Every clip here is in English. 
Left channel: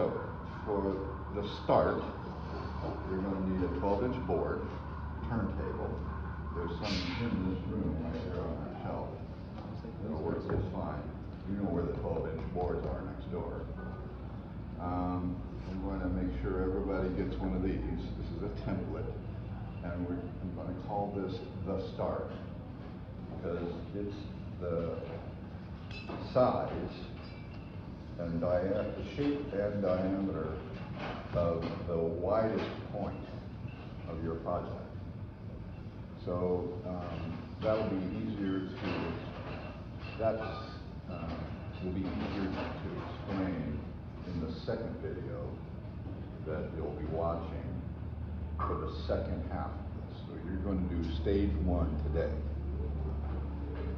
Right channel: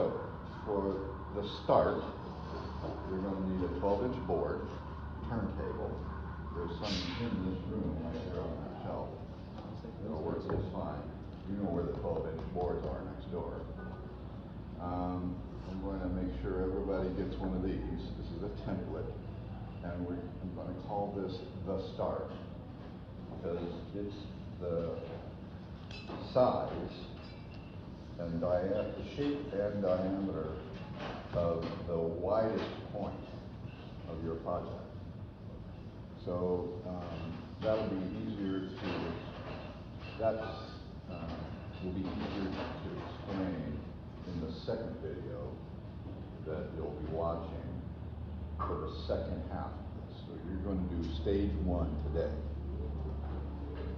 So, for the start, you're going to need a 12-inch board, turntable. There's some in this room right there on that shelf. It'll work just fine. You know where the 12-inch boards are next door. I'm going to make sure everybody gets one of these. This is a template, and I'm going to call this the start because it's the size and the shape and diameter of the widest point of your project. So that'll be easier to, will be easier to explain in the second video that you'll be watching for the second half of this. So you're going to do stage 1 today.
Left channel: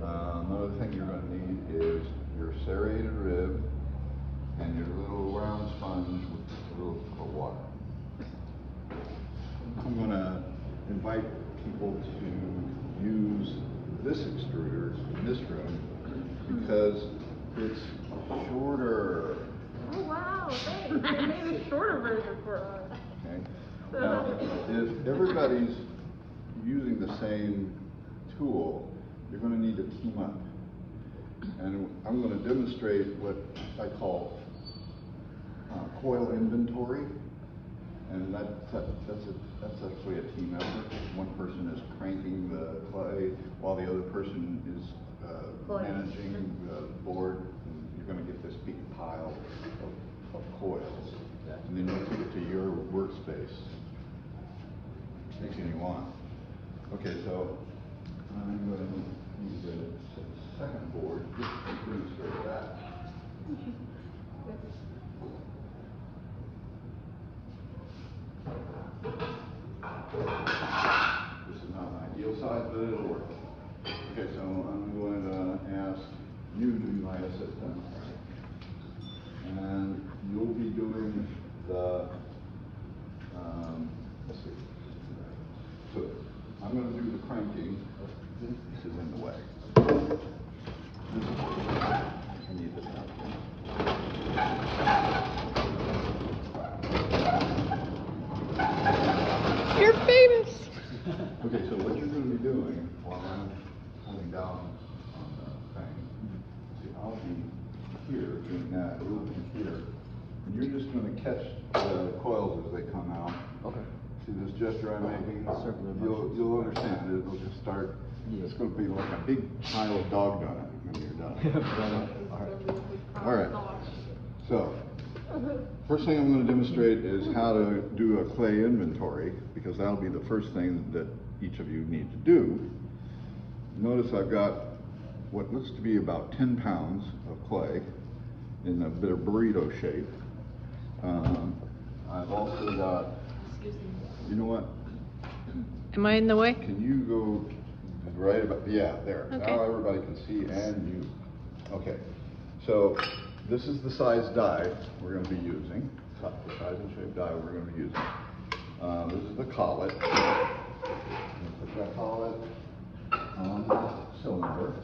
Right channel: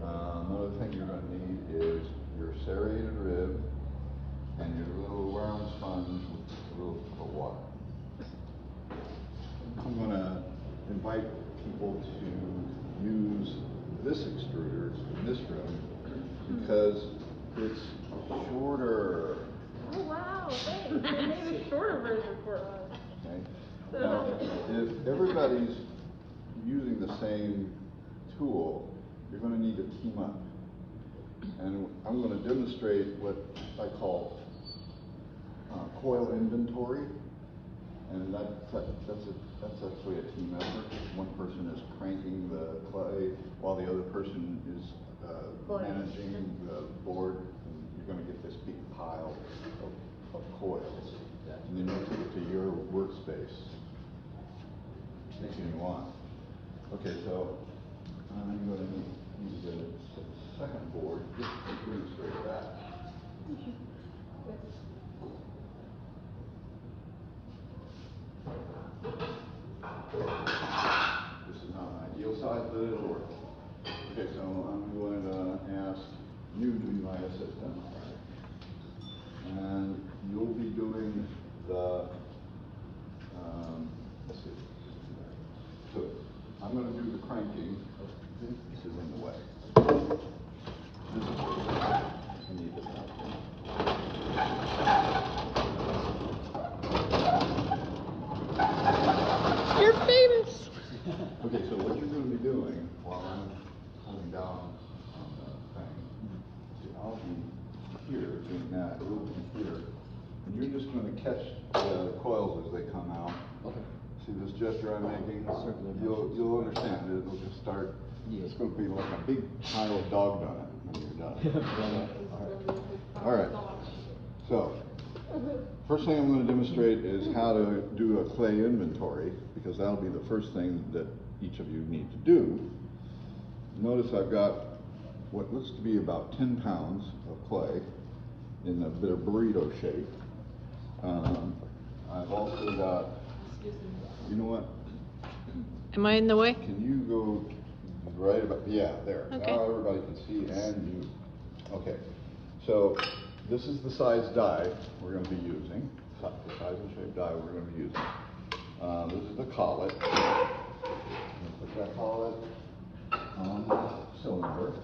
Another thing you're going to need is your serrated rib and your little round sponge with a little cup of water. I'm going to invite people to use this extruder in this room because it's shorter. Oh wow, thanks. I made a shorter version for us. Okay. Now, if everybody's using the same tool, you're going to need to team up. And I'm going to demonstrate what I call coil inventory. And that's actually a team effort. One person is cranking the clay while the other person is managing the board. And you're going to get this big pile of coils. And then you take it to your workspace. Anything you want. Okay, so I'm going to use the second board just to demonstrate that. This is not an ideal size, but it'll work. Okay, so I'm going to ask you to be my assistant. And you'll be doing the, let's see. So I'm going to do the cranking. This is in the way. I need this out. You're famous. Okay, so what you're going to be doing while I'm holding down on the thing, see, I'll be here doing that, a little bit here, and you're just going to catch the coils as they come out. Okay. See this gesture I'm making? You'll understand it. It'll just start. It's going to be like a big pile of dog donut when you're done. All right. So, first thing I'm going to demonstrate is how to do a clay inventory, because that'll be the first thing that each of you need to do. Notice I've got what looks to be about 10 pounds of clay in a bit of burrito shape. I've also got, you know what? Am I in the way? Can you go right about, yeah, there. Okay. Now everybody can see and you. Okay, so this is the size die we're going to be using, the size and shape die we're going to be using. This is the collet. I'm going to put that collet on the cylinder.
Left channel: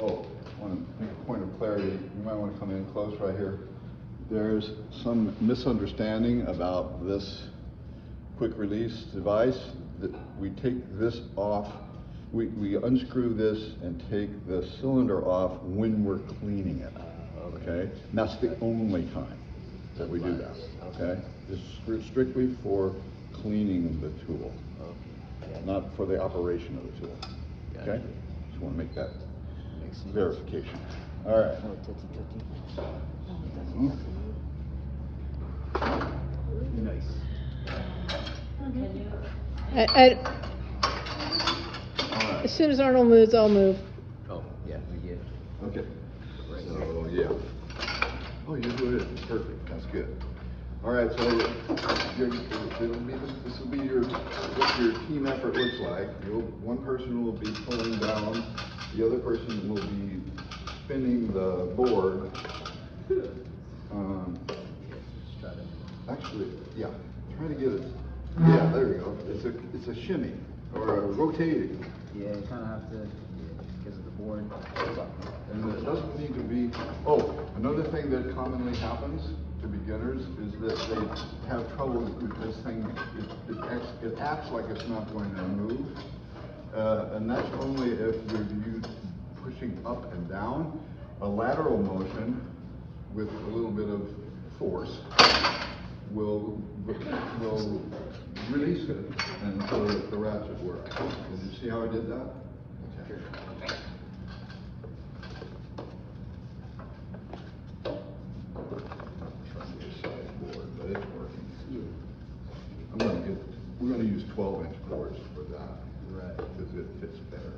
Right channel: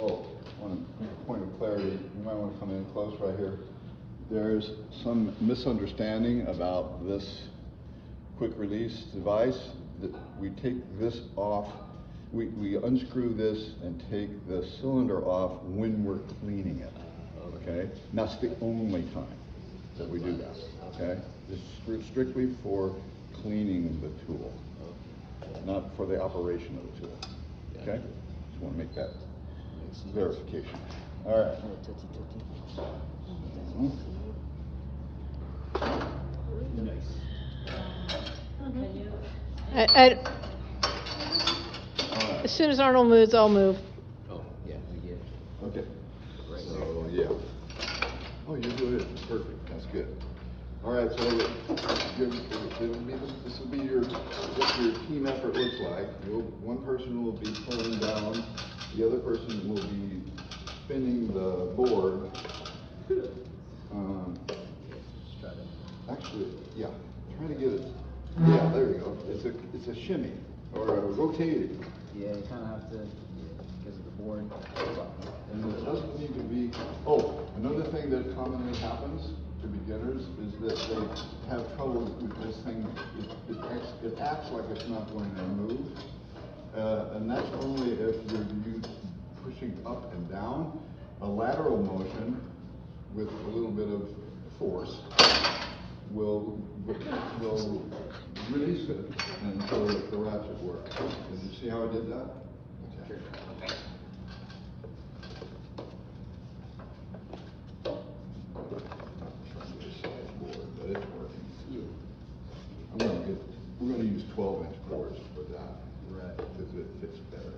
Oh, I want to make a point of clarity. You might want to come in close right here. There's some misunderstanding about this quick release device. That we take this off, we unscrew this and take the cylinder off when we're cleaning it, okay? And that's the only time that we do that, okay? It's strictly for cleaning the tool, not for the operation of the tool, okay? Just want to make that verification. All right. As soon as Arnold moves, I'll move. Oh, yeah, we get it. Okay. So, yeah. Oh, you're doing it perfect. That's good. All right, so this will be what your team effort looks like. One person will be pulling down, the other person will be spinning the board. Actually, yeah, try to get it. Yeah, there we go. It's a shimmy or a rotating. Yeah, you kind of have to, because of the board. And it doesn't need to be. Oh, another thing that commonly happens to beginners that they have trouble with this thing. It acts like it's not going to move, and that's only if you're pushing up and down. A lateral motion with a little bit of force will release it until the ratchet works. Did you see how I did that? Okay. But it's working. We're going to use 12-inch cores for that, right? Because it fits better.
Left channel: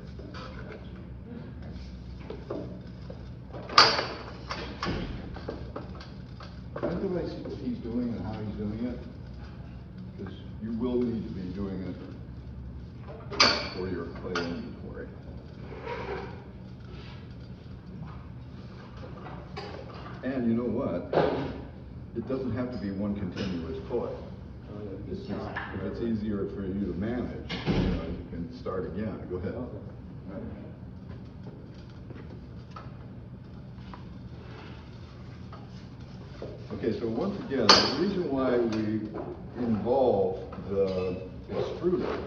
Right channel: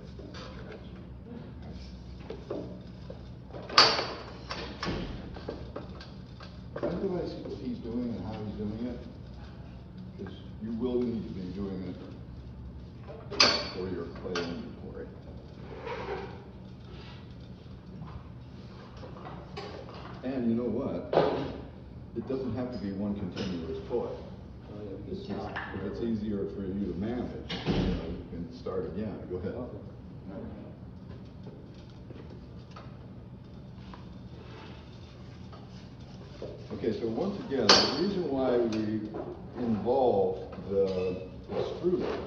Everybody see what he's doing and how he's doing it? Because you will need to be doing it for your clay inventory. And you know what? It doesn't have to be one continuous coil. It's just, if it's easier for you to manage, you can start again. Go ahead. Okay, so once again, the reason why we involve the extruder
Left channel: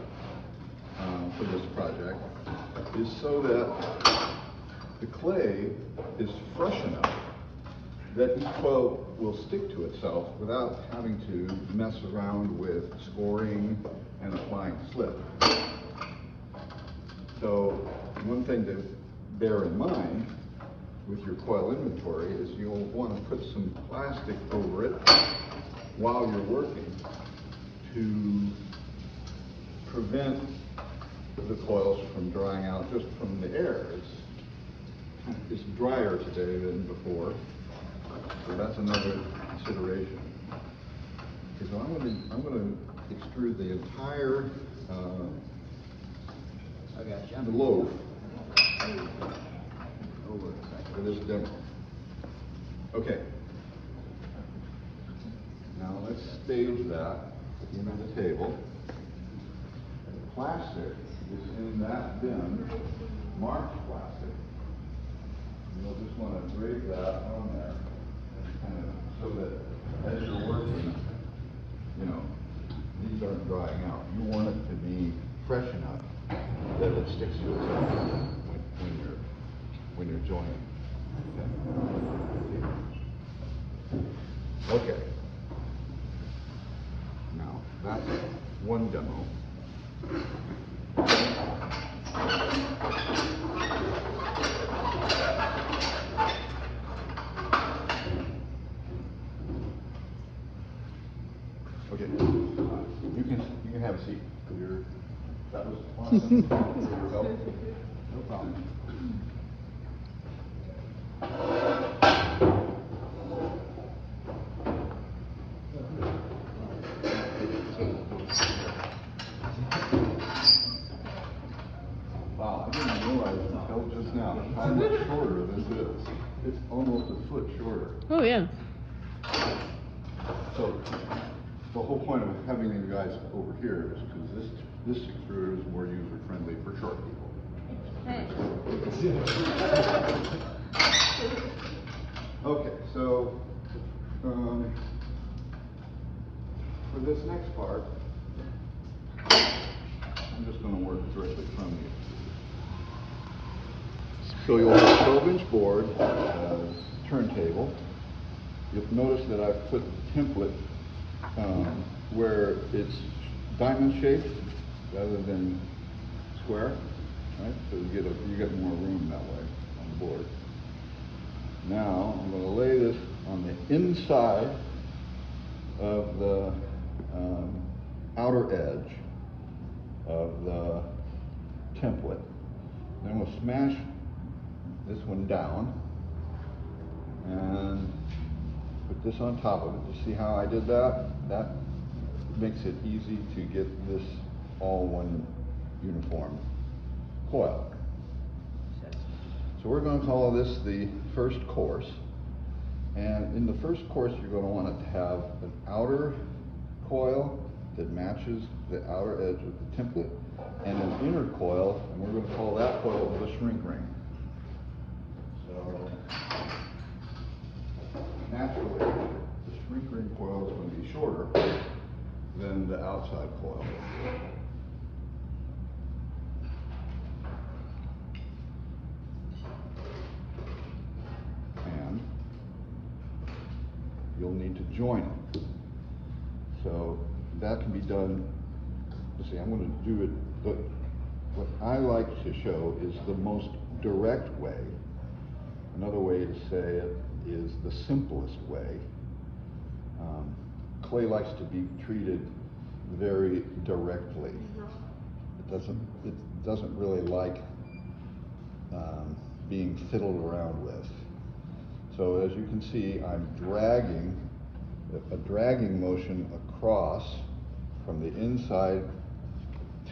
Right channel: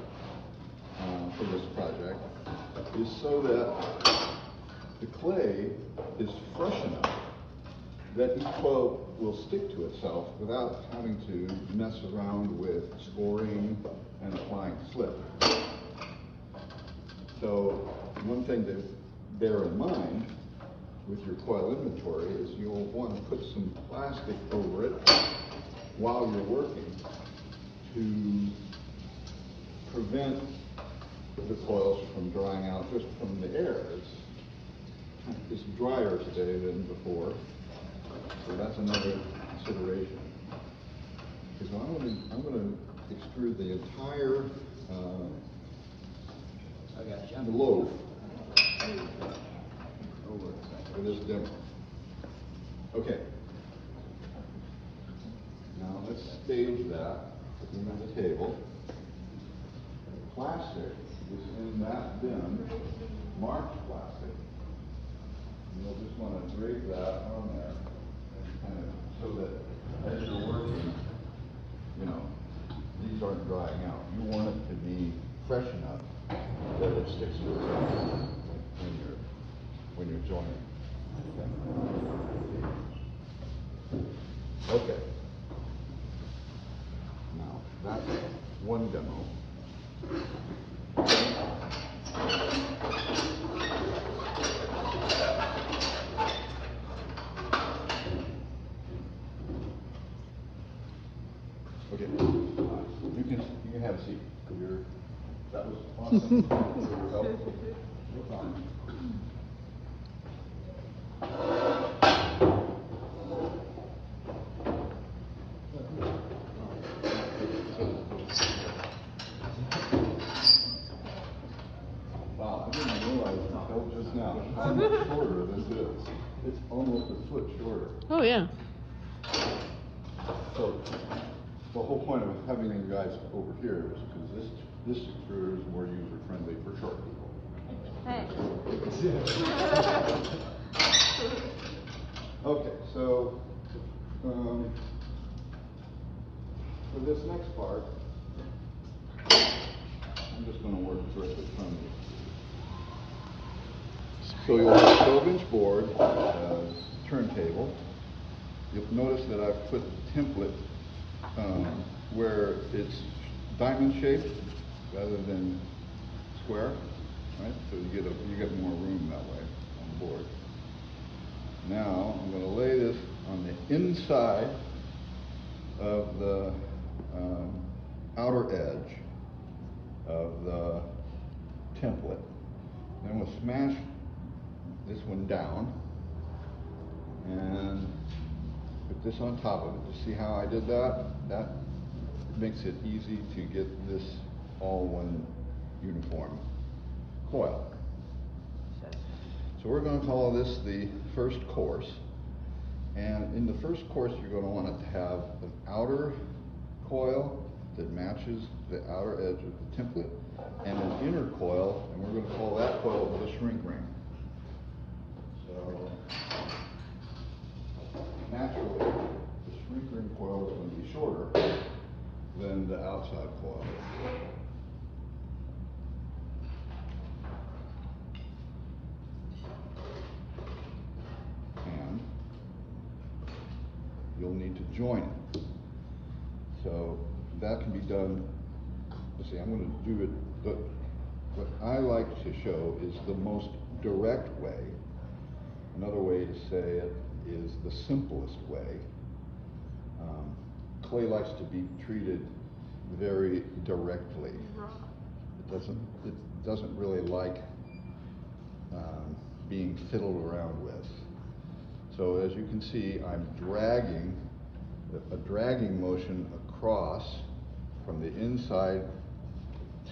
for this project is so that the clay is fresh enough that each coil will stick to itself without having to mess around with scoring and applying slip. So one thing to bear in mind with your coil inventory is you'll want to put some plastic over it while you're working to prevent the coils from drying out just from the air. It's drier today than before, so that's another consideration. Okay, so I'm going to extrude the entire the loaf for this demo. Okay. Now let's stage that into the table. Plastic is in that bin, marked plastic. You'll just want to drape that on there, and kind of so that as you're working, you know, these aren't drying out. You want it to be fresh enough that it sticks to itself when you're joining. Okay. Okay. Now that's one demo. Okay, you can have a seat. That was awesome. Your help. No problem. Wow, I didn't realize until just now how much shorter this is. It's almost a foot shorter. Oh yeah. So the whole point of having you guys over here is because this extruder is more user friendly for short people. Hey. Okay, so for this next part, I'm just going to work directly from you. So you'll have a 12-inch board, turntable. You'll notice that I've put the template where it's diamond shaped rather than square, right? So you get more room that way on the board. Now I'm going to lay this on the inside of the outer edge of the template. Then we'll smash this one down and put this on top of it. You see how I did that? That makes it easy to get this all one uniform coil. So we're going to call this the first course. And in the first course, you're going to want it to have an outer coil that matches the outer edge of the template, and an inner coil, and we're going to call that coil the shrink ring. So naturally, the shrink ring coil is going the outside coil. And you'll need to join it. So that can be done. Let's see, I'm going to do it, but what I like to show is the most direct way. Another way to say it is the simplest way. Clay likes to be treated very directly. It doesn't really like being fiddled around with. So as you can see, I'm dragging a dragging motion across from the inside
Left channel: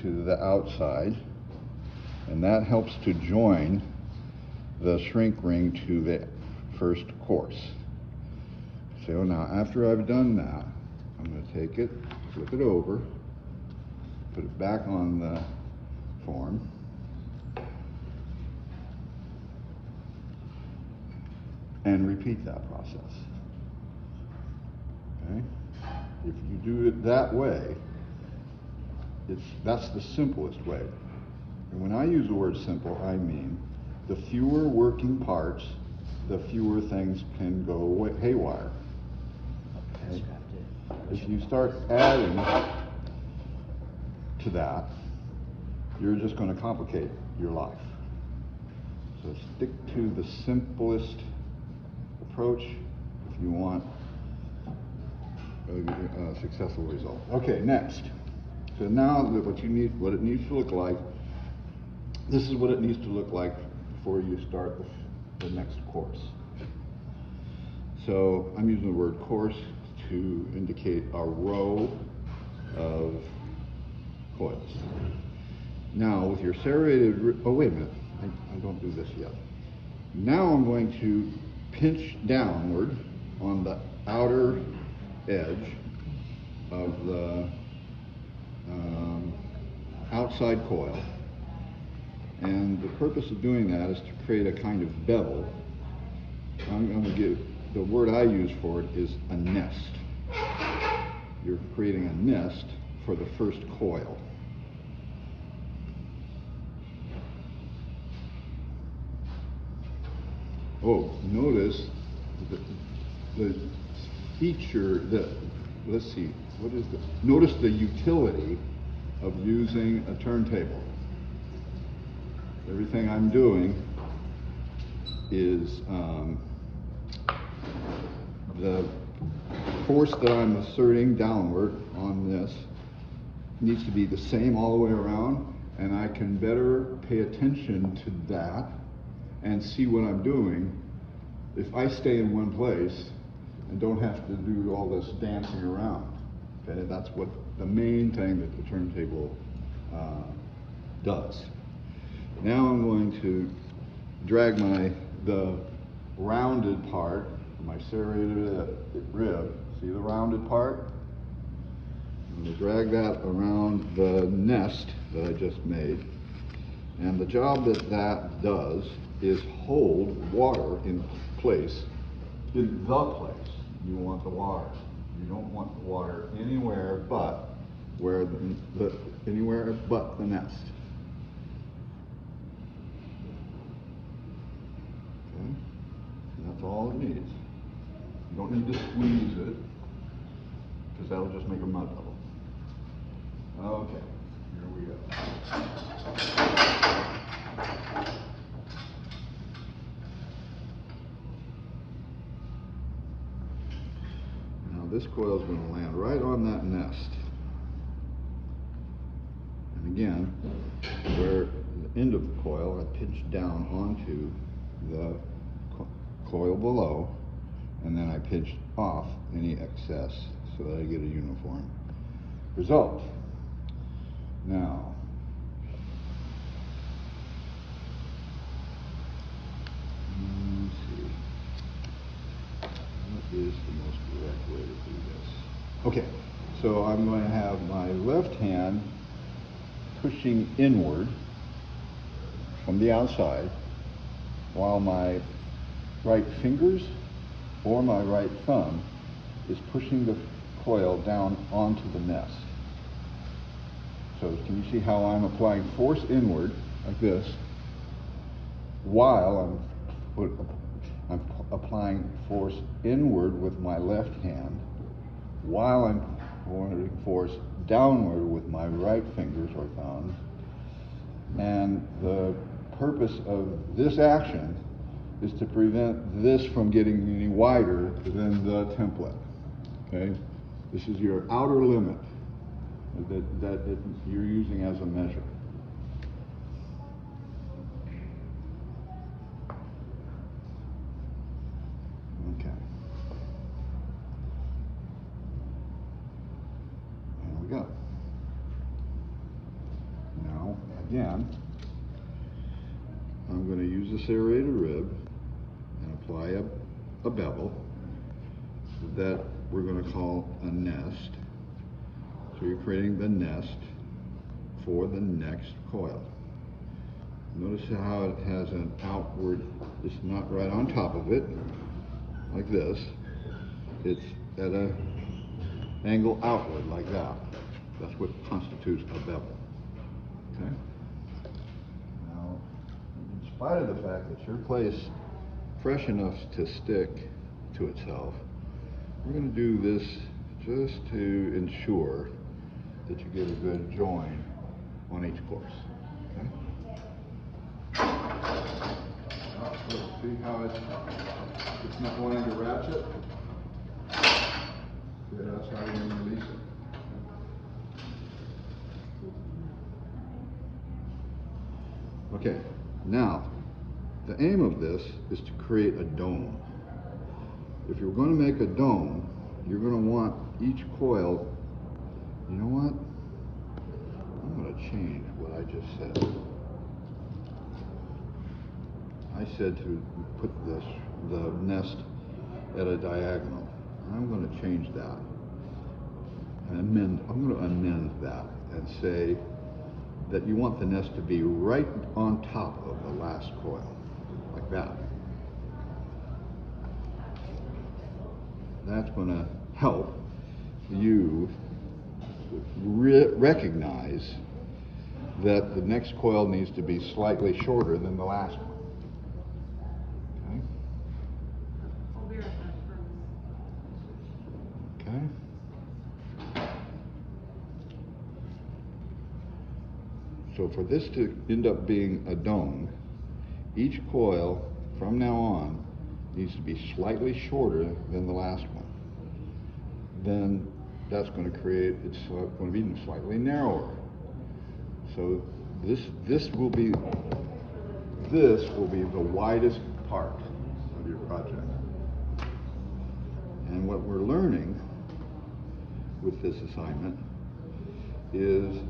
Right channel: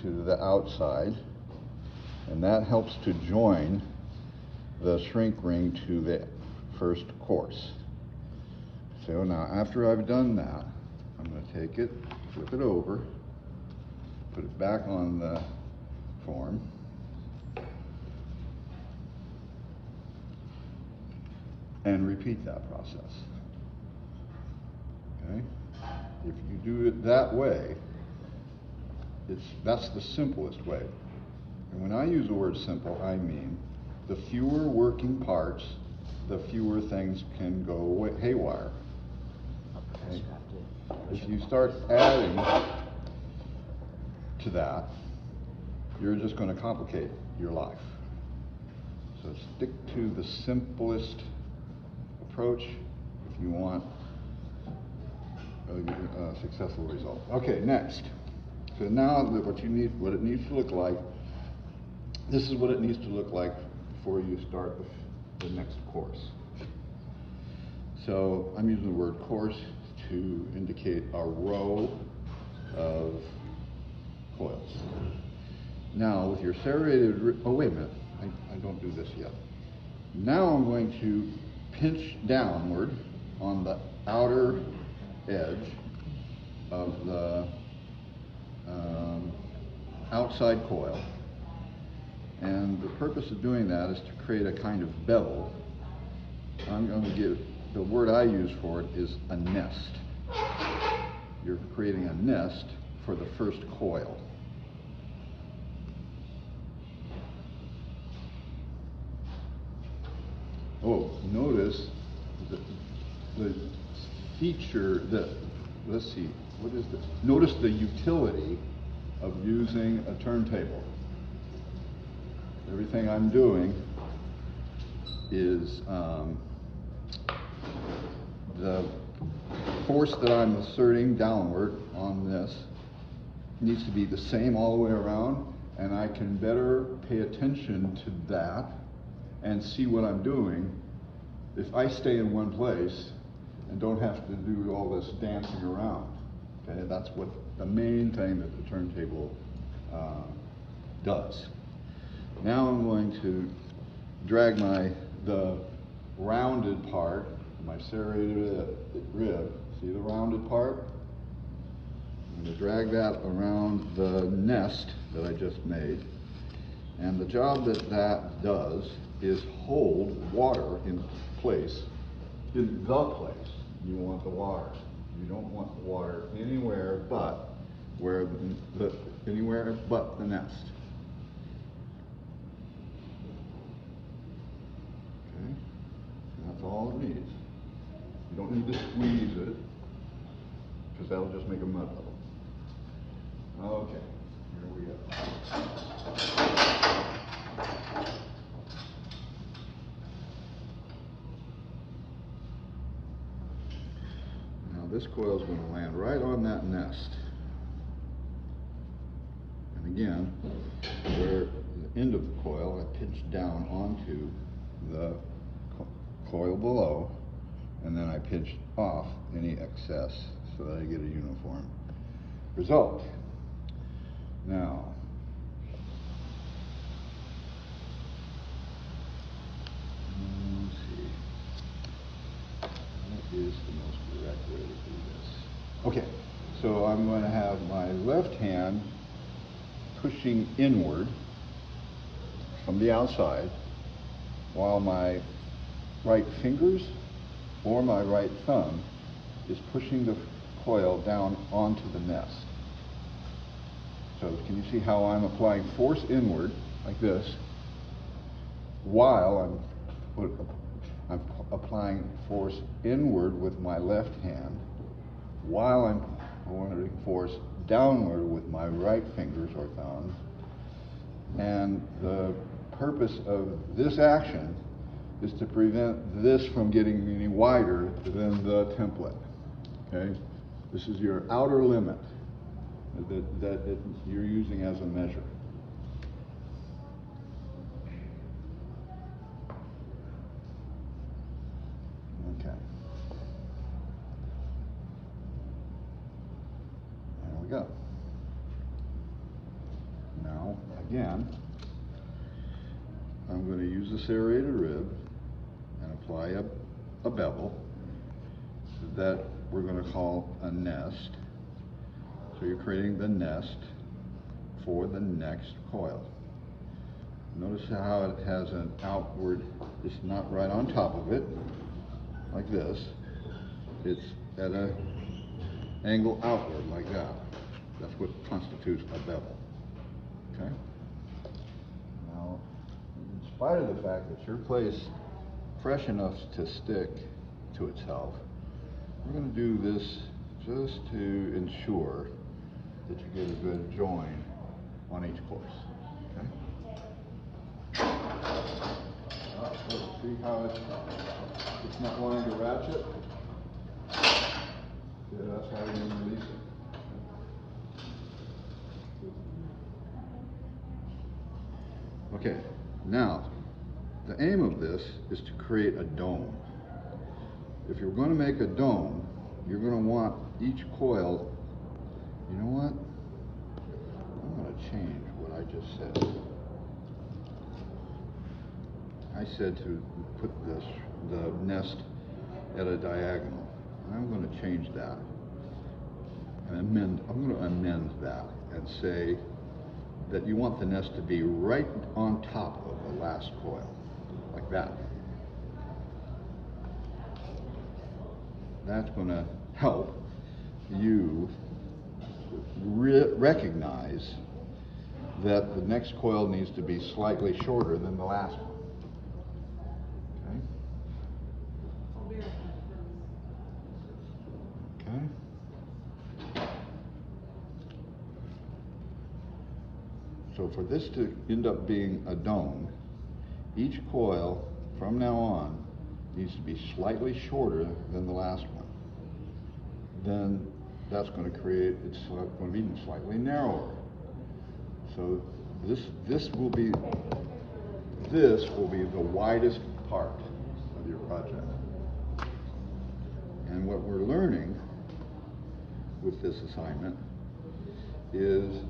to the outside, and that helps to join the shrink ring to the first course. So now after I've done that, I'm going to take it, flip it over, put it back on the form, and repeat that process. Okay? If you do it that way, that's the simplest way. And when I use the word simple, I mean the fewer working parts, the fewer things can go haywire. Okay? If you start adding to that, you're just going to complicate your life. So stick to the simplest approach if you want a successful result. Okay, next. So now what it needs to look like, this is what it needs to look like before you start the next course. So I'm using the word course to indicate a row of coils. Now with your serrated, oh wait a minute, I don't do this yet. Now I'm going to pinch downward on the outer edge of the outside coil. And the purpose of doing that is to create a kind of bevel. I'm going to give, the word I use for it is a nest. You're creating a nest for the first coil. Oh, notice the feature that, let's see, what is this? Notice the utility of using a turntable. Everything I'm doing is the force that I'm asserting downward on this needs to be the same all the way around, and I can better pay attention to that and see what I'm doing if I stay in one place and don't have to do all this dancing around. Okay, that's what the main thing that the turntable does. Now I'm going to drag the rounded part, my serrated rib. See the rounded part? I'm going to drag that around the nest that I just made. And the job that does is hold water in place, in the place you want the water. You don't want the water anywhere but anywhere but the nest. Okay? And that's all it needs. You don't need to squeeze it, because that'll just make a mud puddle. Okay, here we go. Now this coil is going to land right on that nest. And again, where the end of the coil, I pinch down onto the coil below, and then I pinch off any excess so that I get a uniform result. Now, let's see. What is the most direct way to do this? Okay, so I'm going to have my left hand pushing inward from the outside, while my right fingers or my right thumb is pushing the coil down onto the nest. So can you see how I'm applying force inward, like this, while I'm applying force inward with my left hand, while I'm applying force downward with my right fingers or thumbs. And the purpose of this action is to prevent this from getting any wider than the template. Okay? This is your outer limit that you're using as a measure. Okay. There we go. Now, again, I'm going to use a serrated rib and apply a bevel that we're going to call a nest. So you're creating the nest for the next coil. Notice how it has an outward, it's not right on top of it, like this. It's at an angle outward, like that. That's what constitutes a bevel. Okay? Now, in spite of the fact that your clay is fresh enough to stick to itself, we're going to do this just to ensure that you get a good join on each course. Okay? See how it's not going to ratchet? Yeah, that's how you release it. Okay, now the aim of this is to create a dome. If you're going to make a dome, you're going to want each coil. You know what? I'm going to change what I just said. I said to put the nest at a diagonal. I'm going to change that. And I'm going to amend that and say that you want the nest to be right on top of the last coil, like that. That's going to help you recognize that the next coil needs to be slightly shorter than the last one. Okay? I'll be right back. Okay? So for this to end up being a dome, each coil from now on needs to be slightly shorter than the last one. Then that's going to create, it's going to be slightly narrower. So this will be the widest part of your project. And what we're learning with this assignment is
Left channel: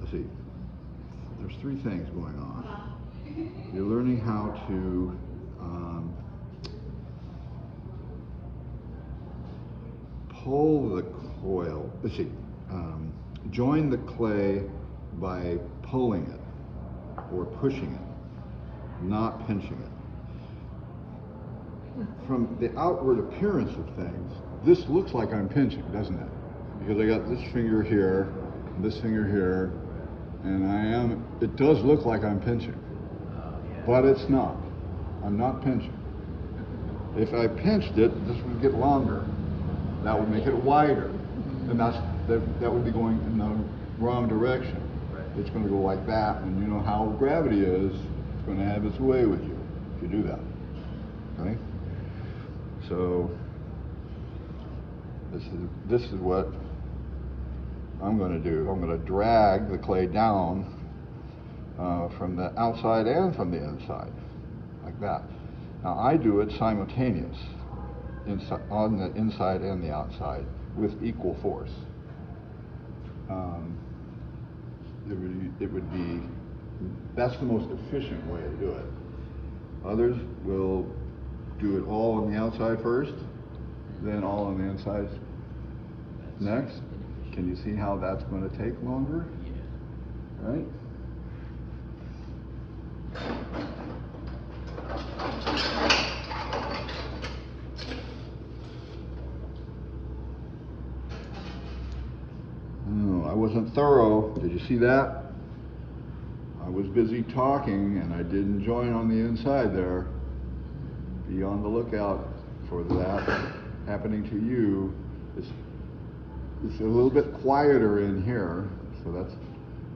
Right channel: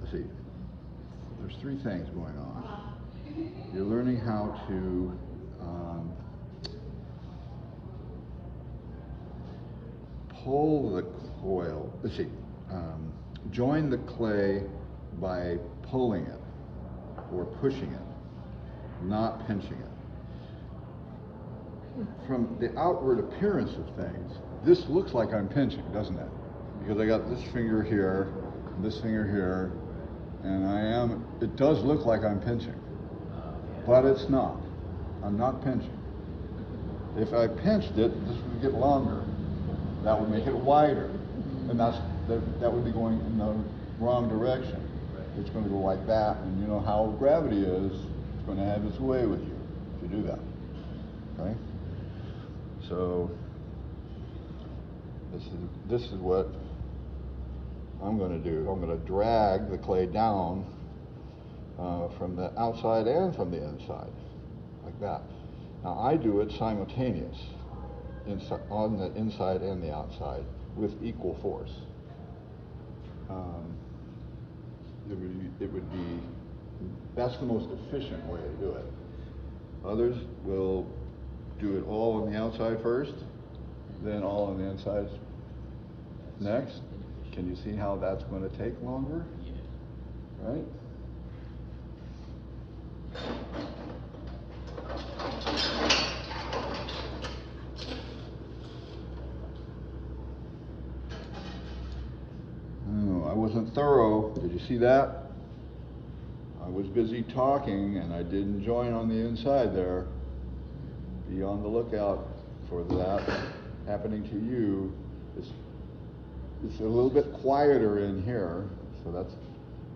let's see, there's three things going on. You're learning how to pull the coil, let's see, join the clay by pulling it or pushing it, not pinching it. From the outward appearance of things, this looks like I'm pinching, doesn't it? Because I got this finger here, and this finger here, and it does look like I'm pinching, but it's not. I'm not pinching. If I pinched it, this would get longer. That would make it wider, and that would be going in the wrong direction. It's going to go like that, and you know how gravity is. It's going to have its way with you if you do that. Okay? So this is what I'm going to do. I'm going to drag the clay down from the outside and from the inside, like that. Now I do it simultaneous, on the inside and the outside, with equal force. It would be, that's the most efficient way to do it. Others will do it all on the outside first, then all on the inside next. Can you see how that's going to take longer? Yeah. Right? wasn't thorough. Did you see that? I was busy talking and I didn't join on the inside there. Be on the lookout for that happening to you. It's a little bit quieter in here, so that's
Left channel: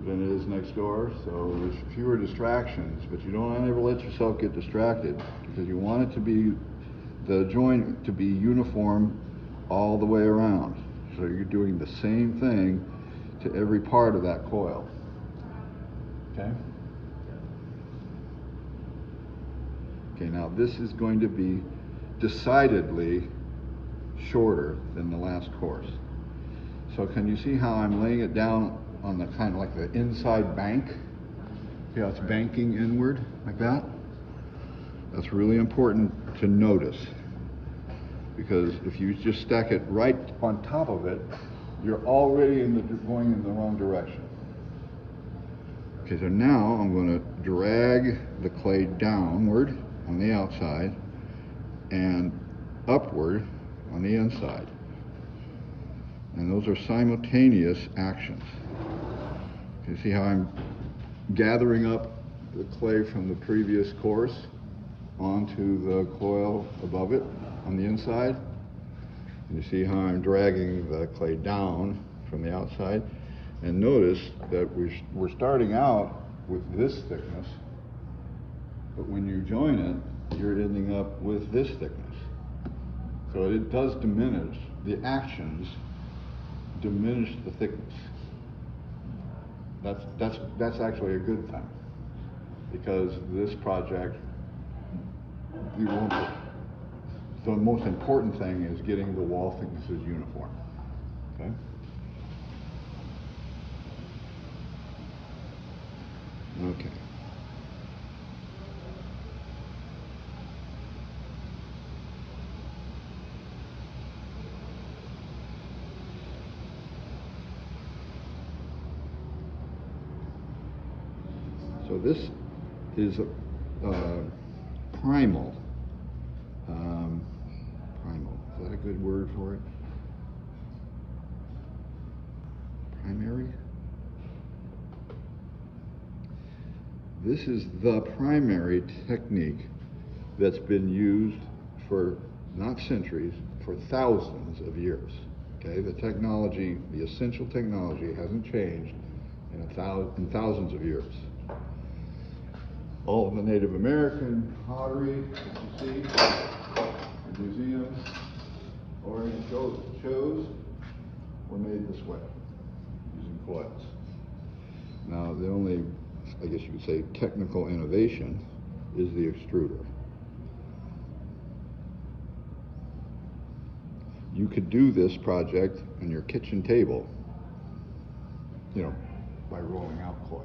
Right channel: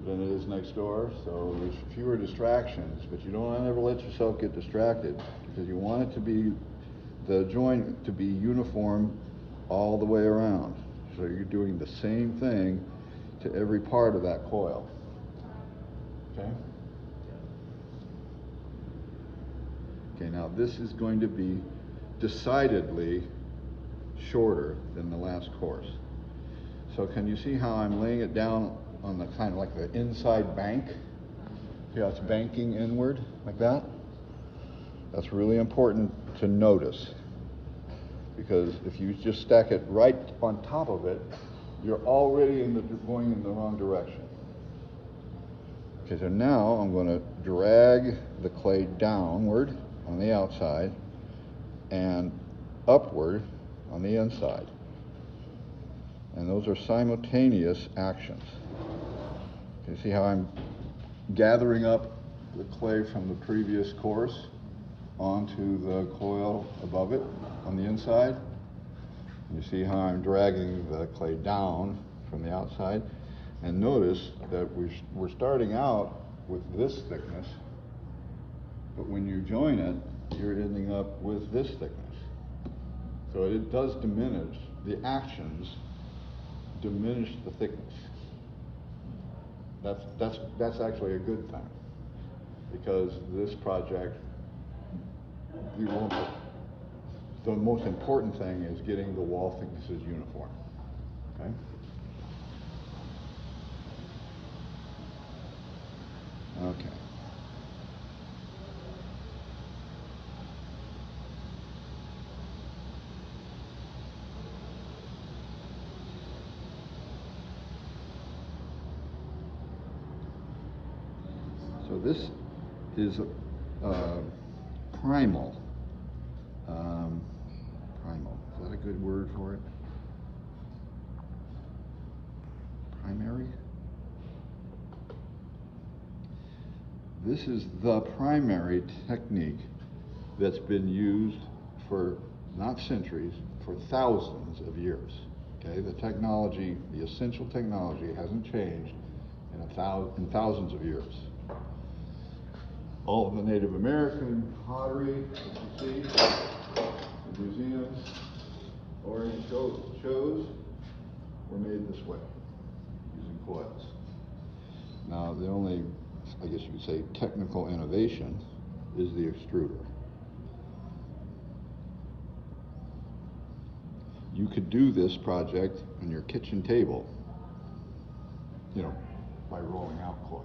than it is next door, so there's fewer distractions, but you don't ever let yourself get distracted because you want it to be, the joint to be uniform all the way around. So you're doing the same thing to every part of that coil. Okay? Okay, now this is going to be decidedly shorter than the last course. So can you see how I'm laying it down on the kind of like the inside bank? See how it's banking inward like that? That's really important to notice, because if you just stack it right on top of it, you're already going in the wrong direction. Okay, so now I'm going to drag the clay downward on the outside and upward on the inside. And those are simultaneous actions. You see how I'm gathering up the clay from the previous course onto the coil above it on the inside? And you see how I'm dragging the clay down from the outside? And notice that we're starting out with this thickness, but when you join it, you're ending up with this thickness. So it does diminish, the actions diminish the thickness. That's actually a good thing, because this project, you won't, the most important thing is getting the wall thicknesses uniform, okay? Okay. So this is a primal. Primal, is that a good word for it? Primary? This is the primary technique that's been used for not centuries, for thousands of years. Okay, the technology, the essential technology hasn't changed in thousands of years. All of the Native American pottery that you see in museums or in shows were made this way, using coils. Now, the only, I guess you could say, technical innovation is the extruder. You could do this project on your kitchen table, you know, by rolling out coils.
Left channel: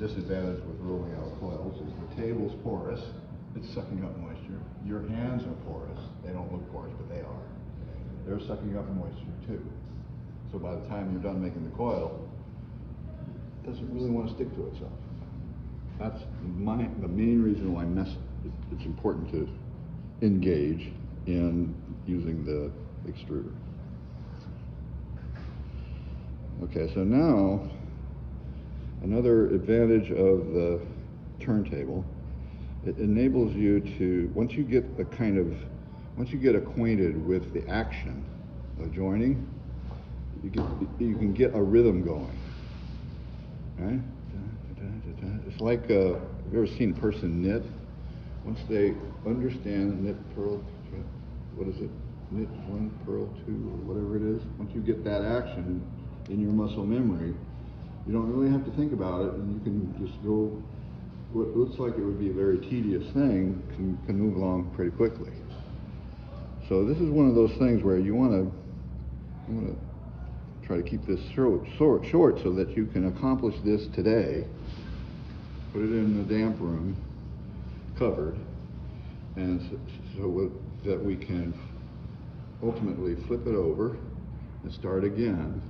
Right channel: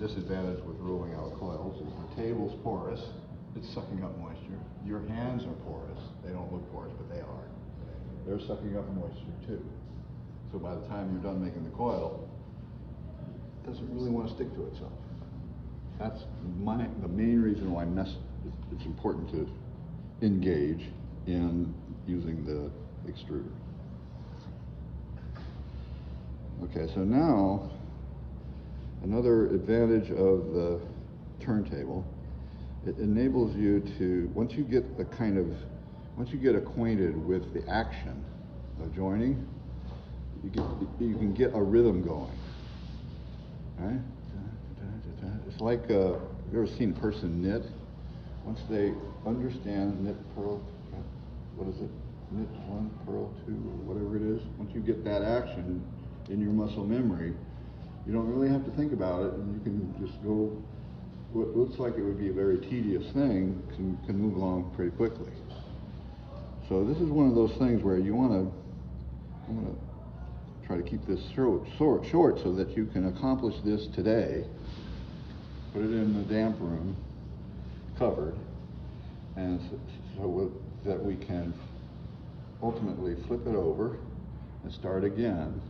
The disadvantage with rolling out coils is the table's porous, it's sucking up moisture. Your hands are porous, they don't look porous, but they are. They're sucking up moisture too. So by the time you're done making the coil, it doesn't really want to stick to itself. That's the main reason why it's important to engage in using the extruder. Okay, so now another advantage of the turntable, it enables you to, once you get acquainted with the action of joining, you can get a rhythm going, right? It's like, have you ever seen a person knit? Once they understand knit, purl, what is it? Knit 1, purl 2, or whatever it is. Once you get that action in your muscle memory, you don't really have to think about it, and you can just go, what looks like it would be a very tedious thing can move along pretty quickly. So this is one of those things where you want to try to keep this short so that you can accomplish this today, put it in the damp room, covered, and so that we can ultimately flip it over and start again.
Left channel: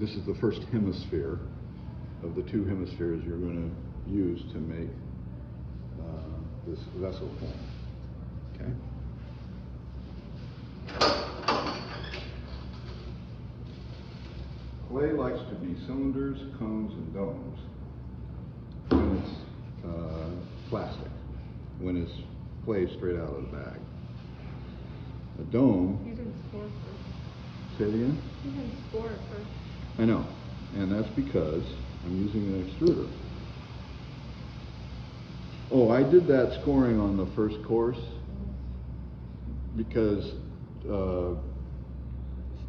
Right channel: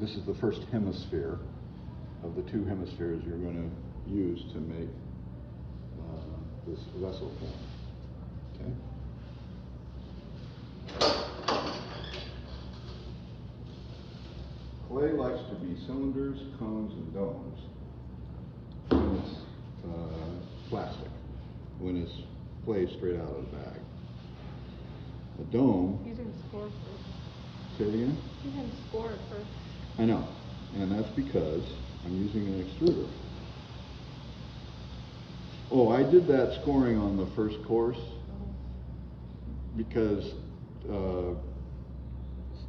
This is the first hemisphere of the 2 hemispheres you're going to use to make this vessel form. Okay? clay likes to be cylinders, cones, and domes when it's plastic, when it's clay straight out of the bag. A dome. You can score first. Say it again? You can score first. I know, and that's because I'm using an extruder. Oh, I did that scoring on the first course because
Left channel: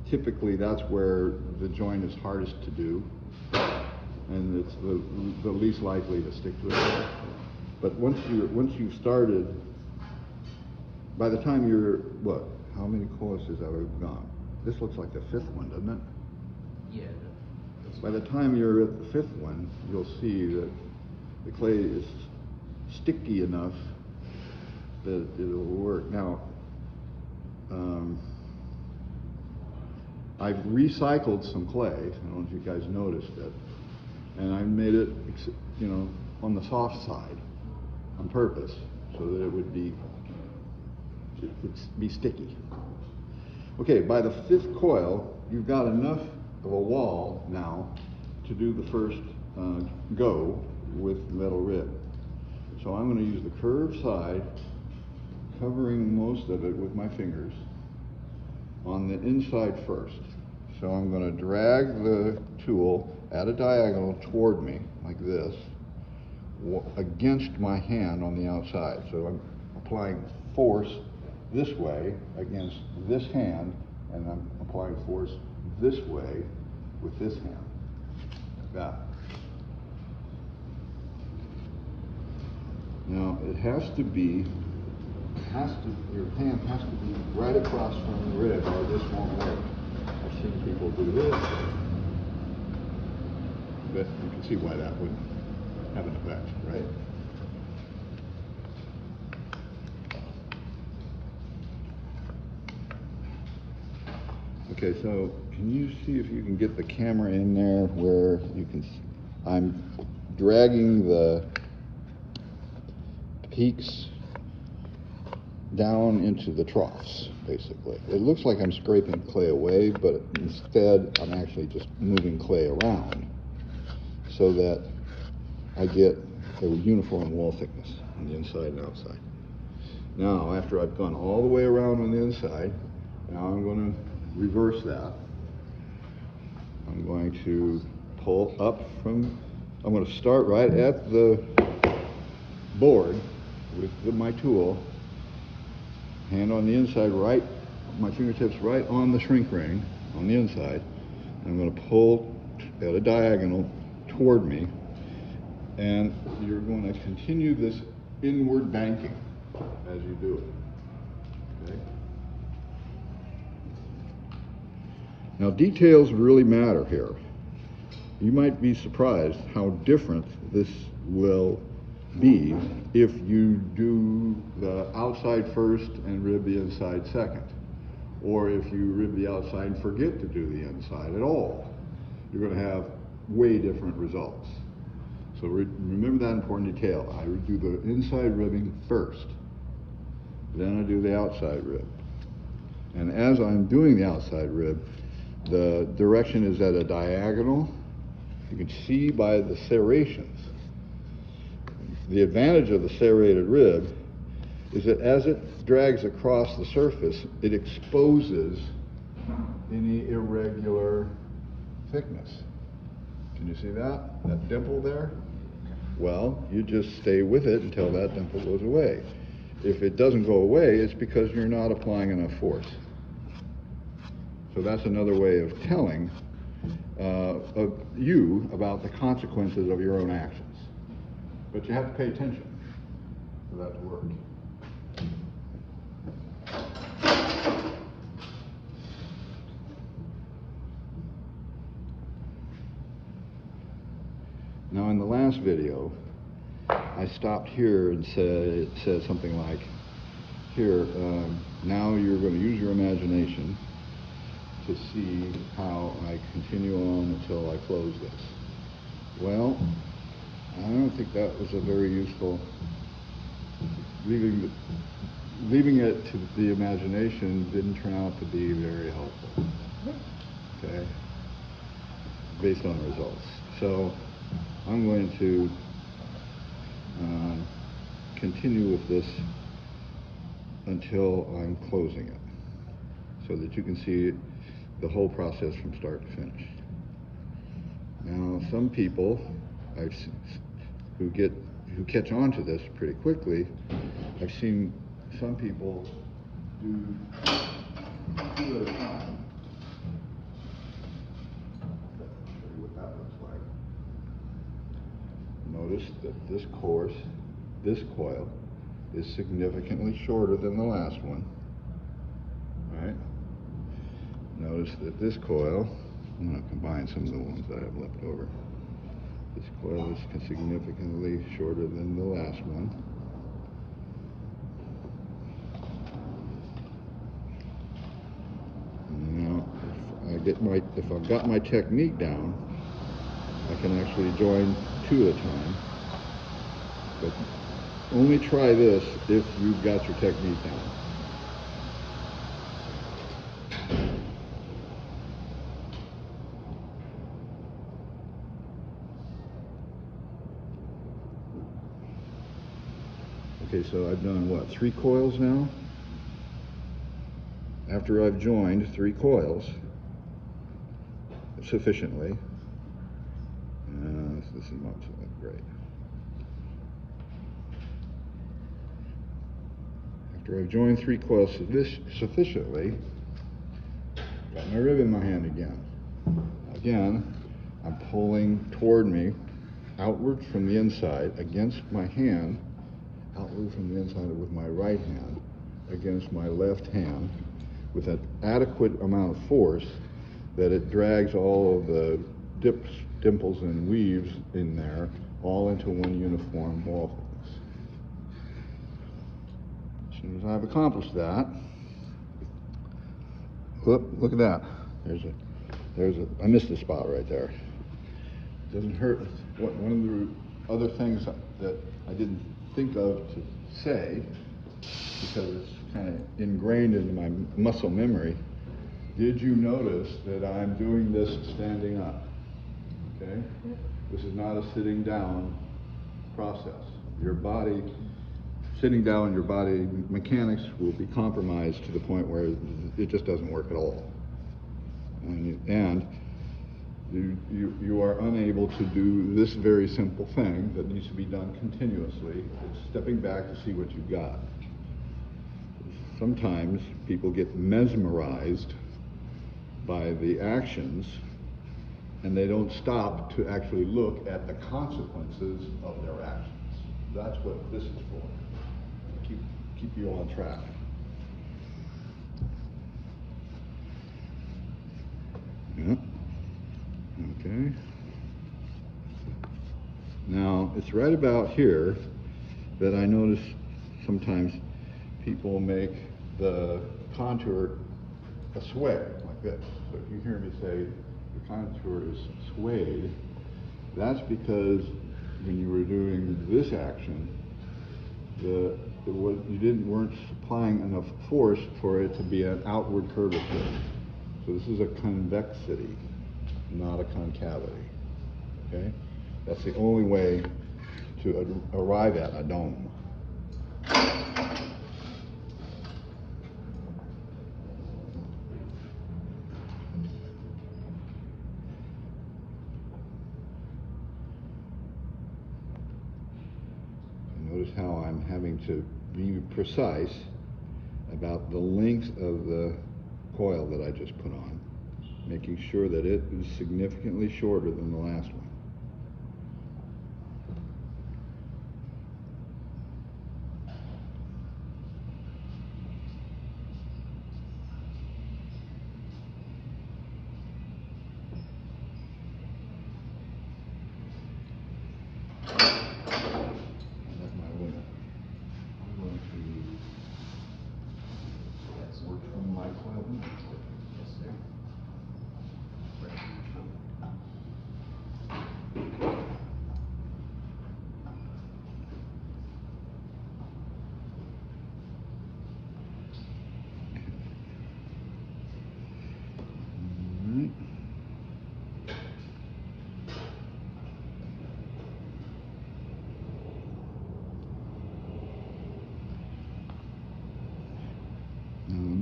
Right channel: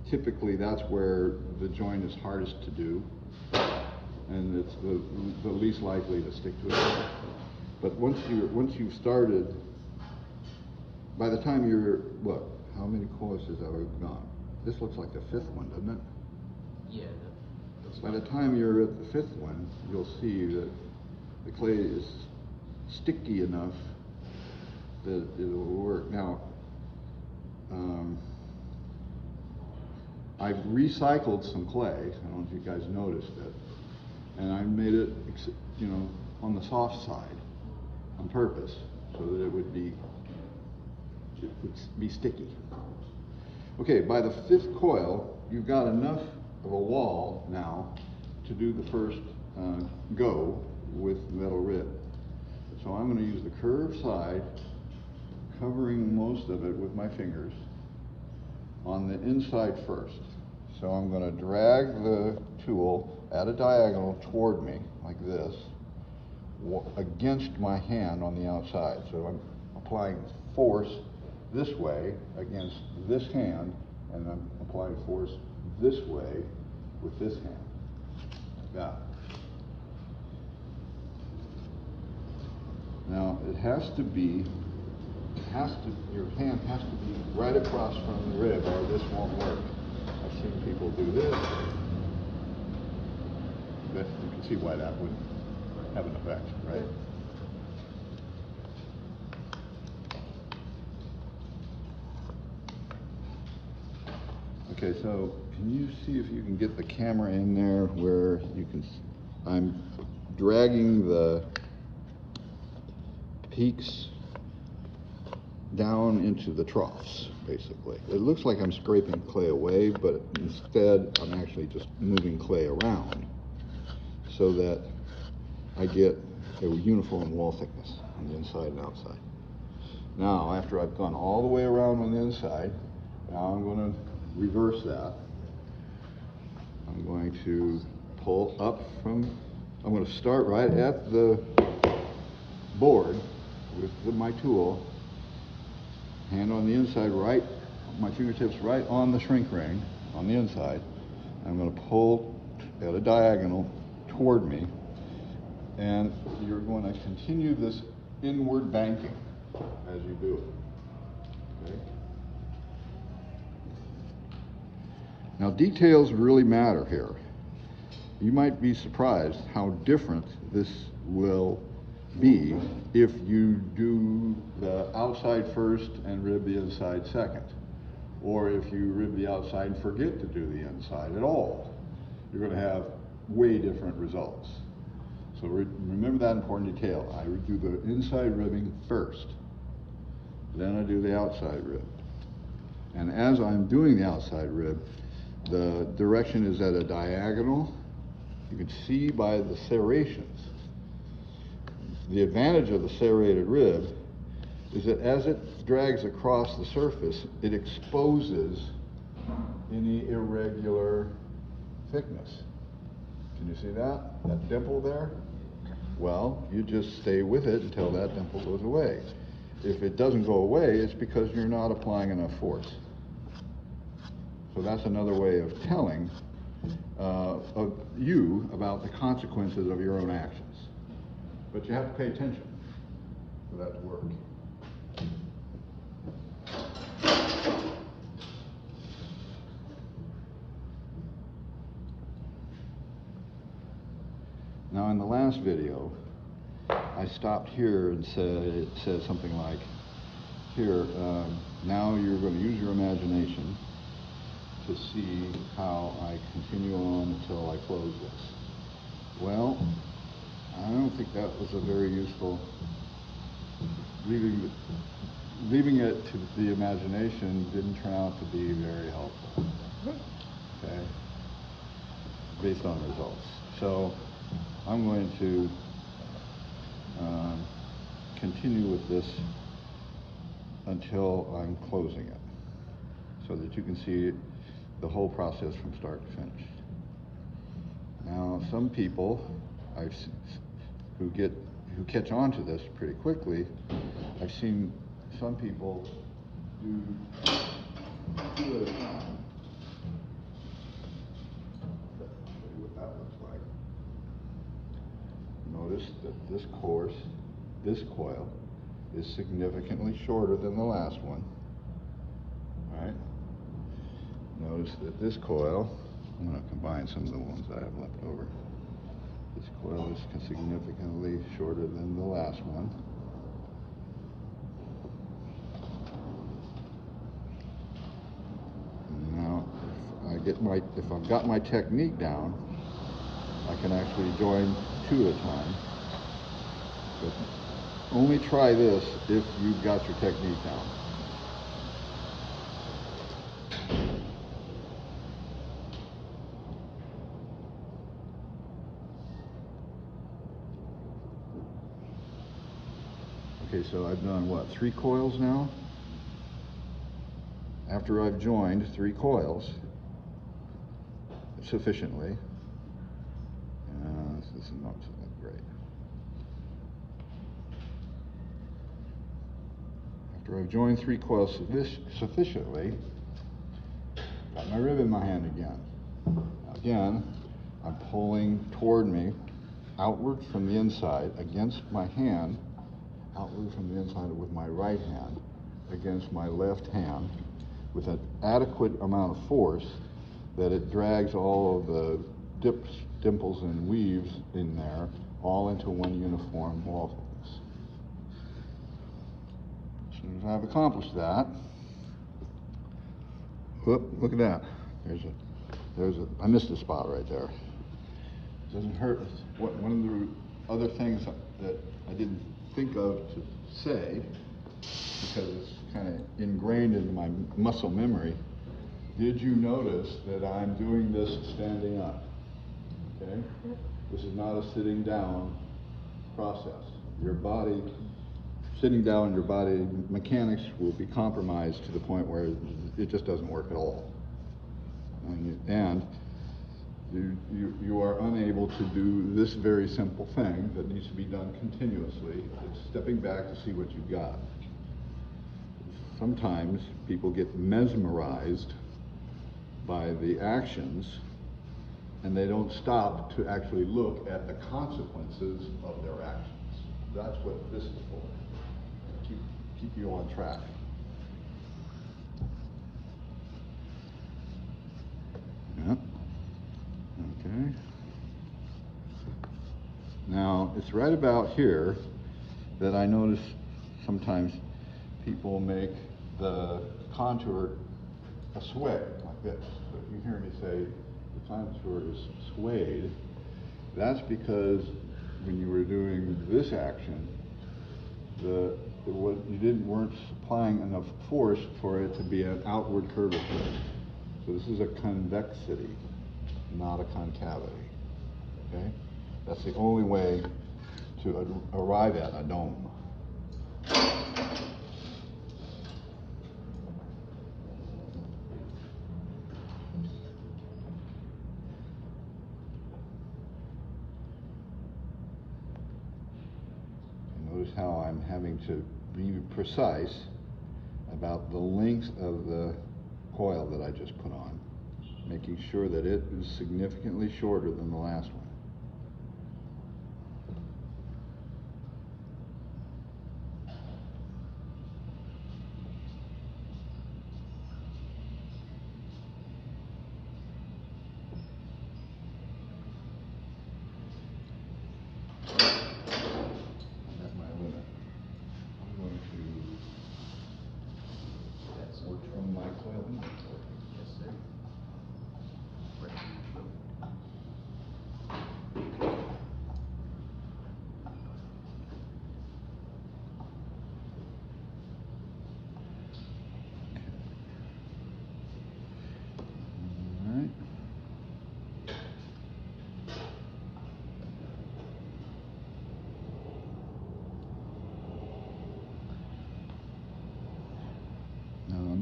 typically that's where the joint is hardest to do, and it's the least likely to stick to it. But once you've started, by the time you're what? How many courses have I gone? This looks like the 5th one, doesn't it? Yeah. By the time you're at the 5th one, you'll see that the clay is sticky enough that it'll work. Now, I've recycled some clay. I don't know if you guys noticed it, and I made it, you know, on the soft side on purpose, so that it would be sticky. Okay, by the 5th coil, you've got enough of a wall now to do the first go with metal rib. So I'm going to use the curved side, covering most of it with my fingers, on the inside first. So I'm going to drag the tool at a diagonal toward me, like this, against my hand on the outside. So I'm applying force this way against this hand, and I'm applying force this way with this hand, like that. Now it has to be, your hand has to be right across from the rib, or this won't work. I've seen people do this, but you can see why that would have an effect, right? Okay, so can you see if you can get the camera in there where you can, I'm dragging the peaks down into the troughs, basically. It looks like I'm scraping clay away, but instead I'm actually just moving clay around so that I get a uniform wall thickness on the inside and outside. Now, after I've gone all the way around on the inside, now I'm going to reverse that. I'm going to pull up from, I'm going to start right at the board with my tool, hand on the inside, right, my fingertips right on the shrink ring on the inside. I'm going to pull at a diagonal toward me, and you're going to continue this inward banking as you do it. Okay? Now, details really matter here. You might be surprised how different this will be if you do the outside first and rib the inside second, or if you rib the outside and forget to do the inside at all. You're going to have way different results. So remember that important detail. I do the inside ribbing first, then I do the outside rib. And as I'm doing the outside rib, the direction is at a diagonal. You can see by the serrations. The advantage of the serrated rib is that as it drags across the surface, it exposes any irregular thickness. Can you see that? That dimple there? Well, you just stay with it until that dimple goes away. If it doesn't go away, it's because you're not applying enough force. So that's another way of telling of you about the consequences of your own actions. But you have to pay attention for that to work. Now, in the last video, I stopped here and it said something like, here, now you're going to use your imagination to see how I continue on until I close this. Well, I don't think that was a very useful, leaving it to the imagination didn't turn out to be very helpful. Okay? based on the results. So I'm going to continue with this until I'm closing it, so that you can see the whole process from start to finish. Now, some people who catch on to this pretty quickly, I've seen some people do 2 at a time. I'll show you what that looks like. Notice that this coil is significantly shorter than the last one. All right. Notice that this coil, I'm going to combine some of the ones that I have left over. This coil is significantly shorter than the last one. Now, if I've got my technique down, I can actually join 2 at a time. But only try this if you've got your technique down. Okay, so I've done what, 3 coils now? After I've joined 3 coils sufficiently, this is not great. After I've joined 3 coils sufficiently, got my rib in my hand again. Again, I'm pulling toward me, outward from the inside, against my hand, outward from the inside with my right hand, against my left hand, with an adequate amount of force that it drags all of the dips, dimples, and weaves in there all into one uniform wall thickness. As soon as I've accomplished that, whoop, look at that. I missed a spot right there. It doesn't hurt. One of the other things that I didn't think of to say, because it's kind of ingrained into my muscle memory, did you notice that I'm doing this standing up? Okay? This is not a sitting down process. Your body, sitting down, your body mechanics will be compromised to the point where it just doesn't work at all. And you are unable to do this very simple thing that needs to be done continuously. It's stepping back to see what you've got. Sometimes people get mesmerized by the actions, and they don't stop to actually look at the consequences of their actions. That's what this is for. Keep you on track. Yep. Okay. Now, it's right about here that I notice sometimes people make the contour a sway, like this. So if you hear me say the contour is swayed, that's because when you were doing this action, you weren't supplying enough force for it to be an outward curvature. So this is a convexity, not a concavity. Okay? That's the only way to arrive at a dome. Notice how I'm having to be precise about the length of the coil that I just put on, making sure that it is significantly shorter than the last one. That's my limit. I'm going to work from my coil. Yes, sir.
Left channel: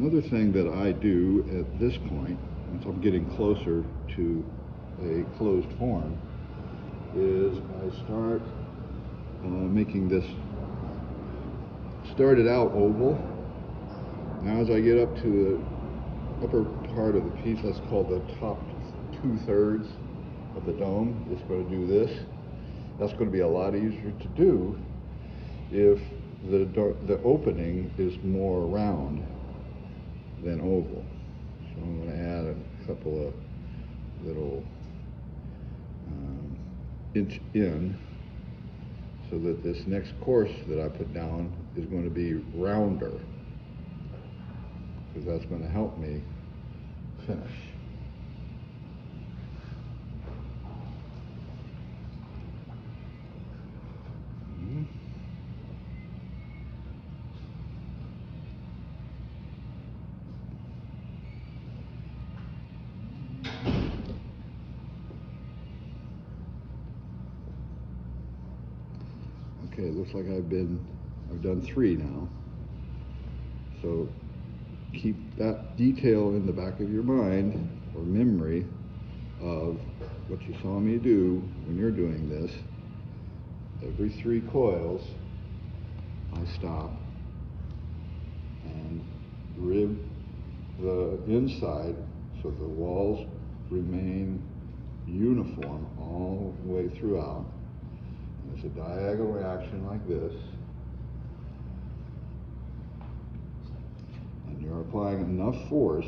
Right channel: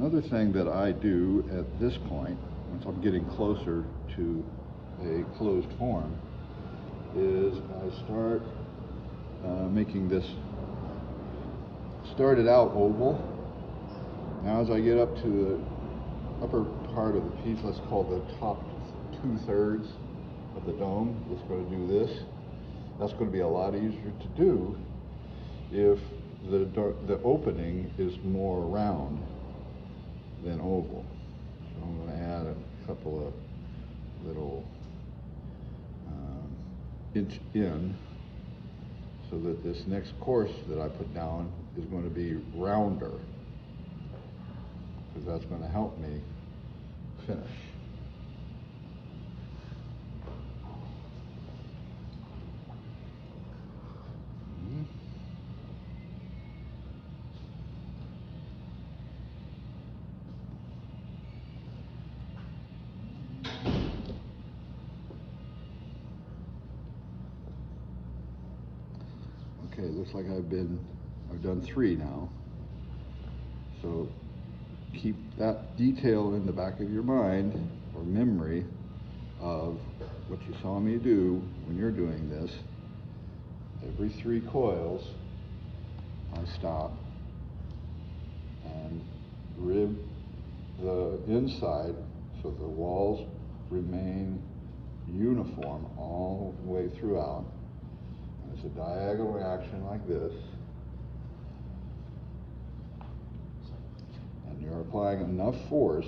Another thing that I do at this point, once I'm getting closer to a closed form, is I start making this, started out oval. Now as I get up to the upper part of the piece, let's call the top 2/3 of the dome, it's going to do this. That's going to be a lot easier to do if the opening is more round than oval. So I'm going to add a couple of little inch in so that this next course that I put down is going to be rounder, because that's going to help me finish. Okay, looks like I've done 3 now. So keep that detail in the back of your mind or memory of what you saw me do when you're doing this. Every 3 coils, I stop and rib the inside so the walls remain uniform all the way throughout. It's a diagonal action like this, and you're applying enough force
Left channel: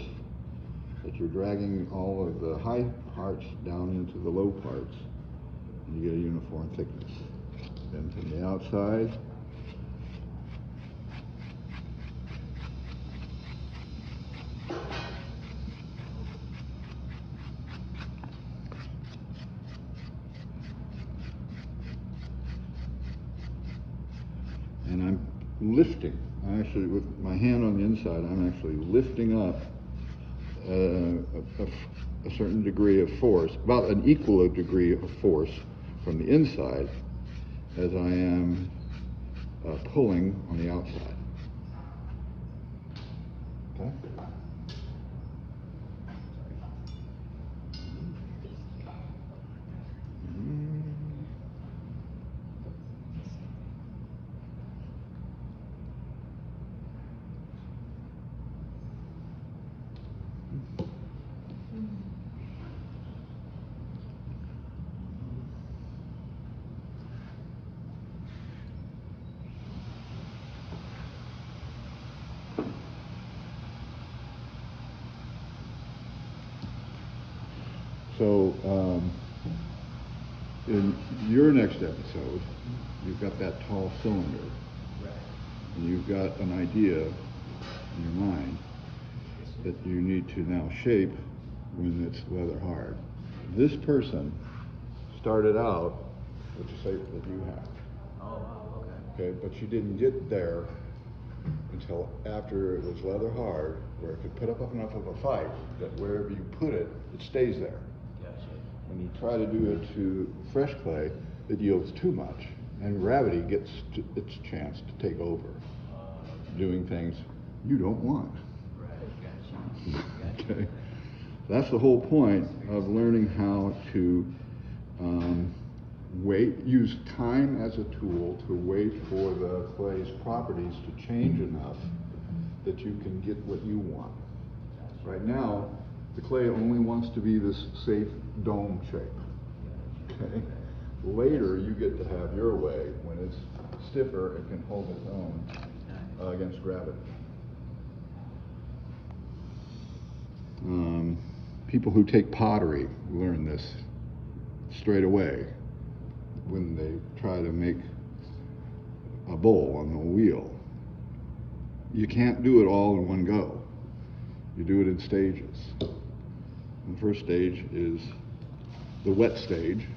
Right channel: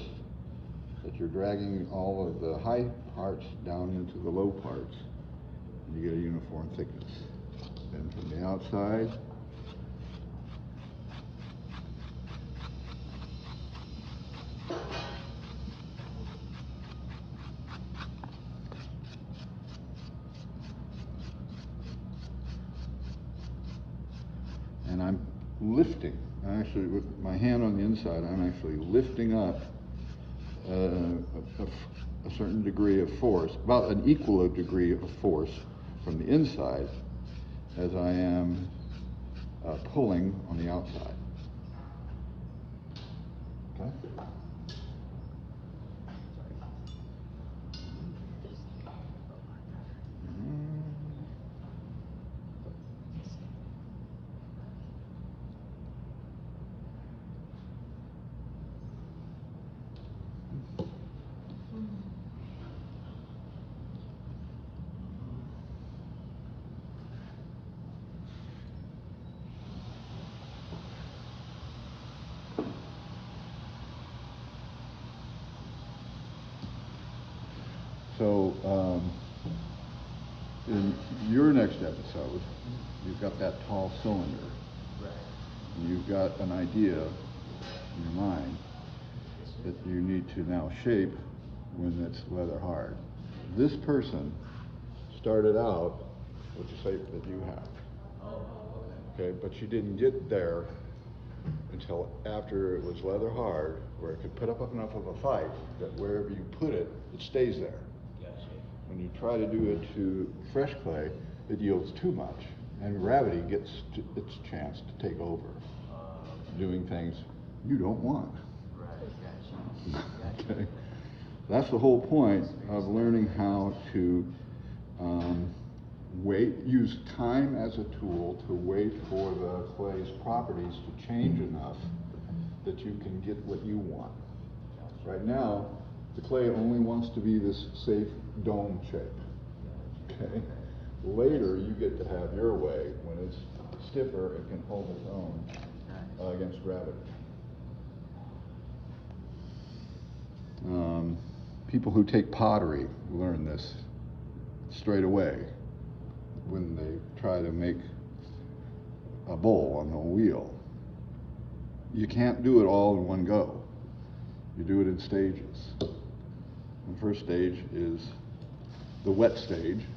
that you're dragging all of the high parts down into the low parts, and you get a uniform thickness. Then from the outside, and I'm lifting. Actually, with my hand on the inside, I'm actually lifting up a certain degree of force, about an equal degree of force from the inside as I am pulling on the outside. Okay? So, in your next episode, you've got that tall cylinder. Right. And you've got an idea in your mind that you need to now shape when it's leather hard. This person started out with the shape that you have. Oh, okay. Okay, but she didn't get there until after it was leather hard, where it could put up enough of a fight that wherever you put it, it stays there. Gotcha. When you try to do it to fresh clay, it yields too much, and gravity gets its chance to take over, doing things you don't want. Right, gotcha. Okay, that's the whole point of learning how to use time as a tool to wait for the clay's properties to change enough that you can get what you want. Right now, the clay only wants to be this safe dome shape. Okay? Later, you get to have your way. When it's stiffer, it can hold its own against gravity. People who take pottery learn this straight away when they try to make a bowl on the wheel. You can't do it all in one go. You do it in stages. The first stage is the wet stage,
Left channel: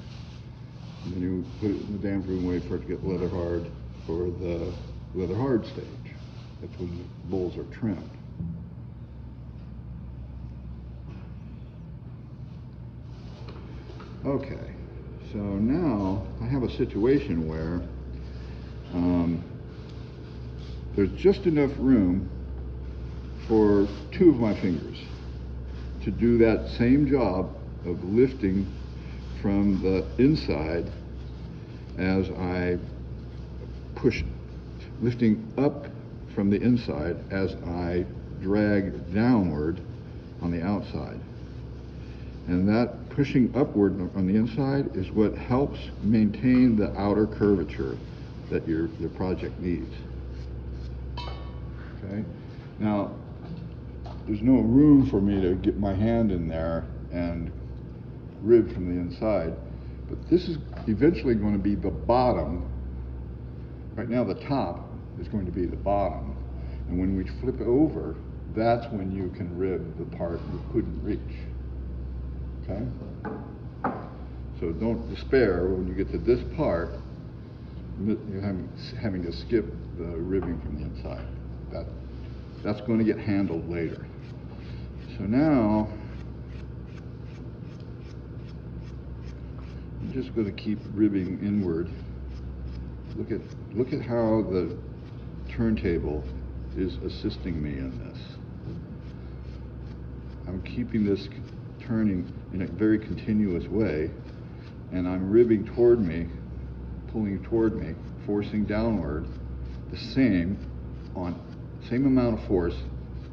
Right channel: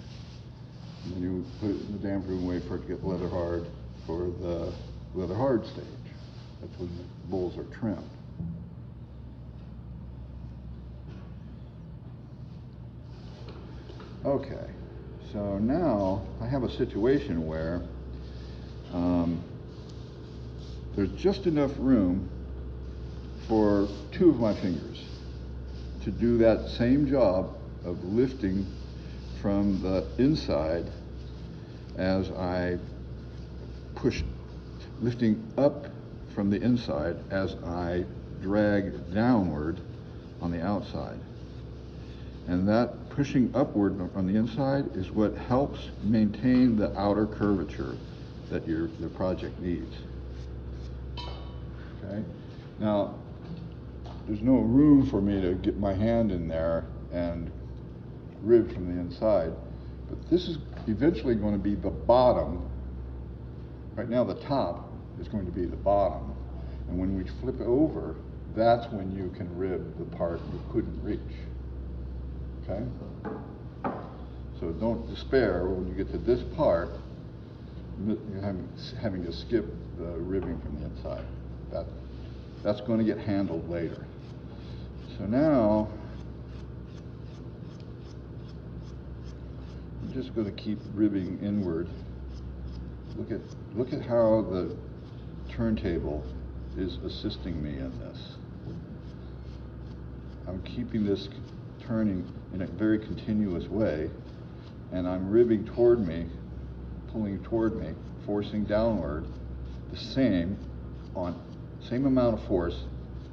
and then you put it in the damp room, wait for it to get leather hard for the leather hard stage. That's when the bowls are trimmed. Okay, so now I have a situation where there's just enough room for 2 of my fingers to do that same job of lifting from the inside as I push, lifting up from the inside as I drag downward on the outside. And that pushing upward on the inside is what helps maintain the outer curvature that your project needs. Okay? Now, there's no room for me to get my hand in there and rib from the inside, but this is eventually going to be the bottom. Right now the top is going to be the bottom, and when we flip it over, that's when you can rib the part you couldn't reach. Okay? So don't despair when you get to this part, you're having to skip the ribbing from the inside. That's going to get handled later. So now, I'm just going to keep ribbing inward. Look at how the turntable is assisting me in this. I'm keeping this turning in a very continuous way, and I'm ribbing toward me, pulling toward me, forcing downward, the same amount of force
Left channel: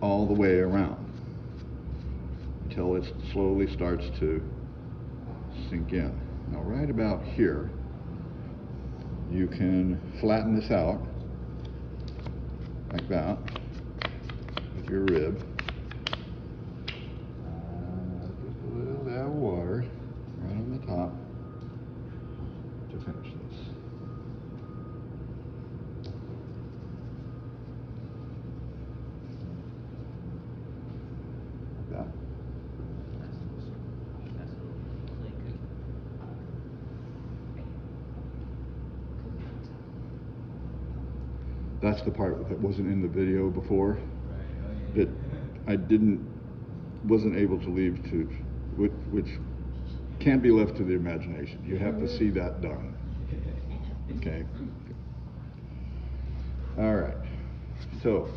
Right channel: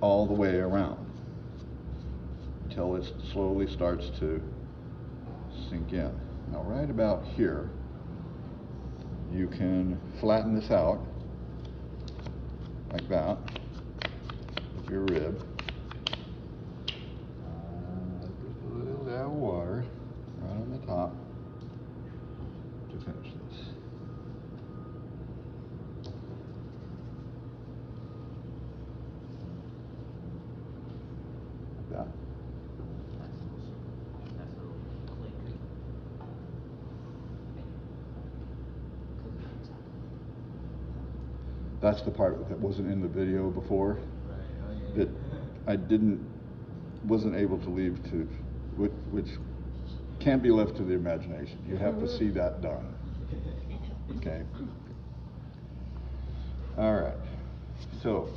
all the way around until it slowly starts to sink in. Now right about here, you can flatten this out like that with your rib. Just a little bit of water right on the top to finish this. Like that. That's the part that wasn't in the video before, that I wasn't able to leave to, which can't be left to the imagination. You have to see that done. Okay. All right. So,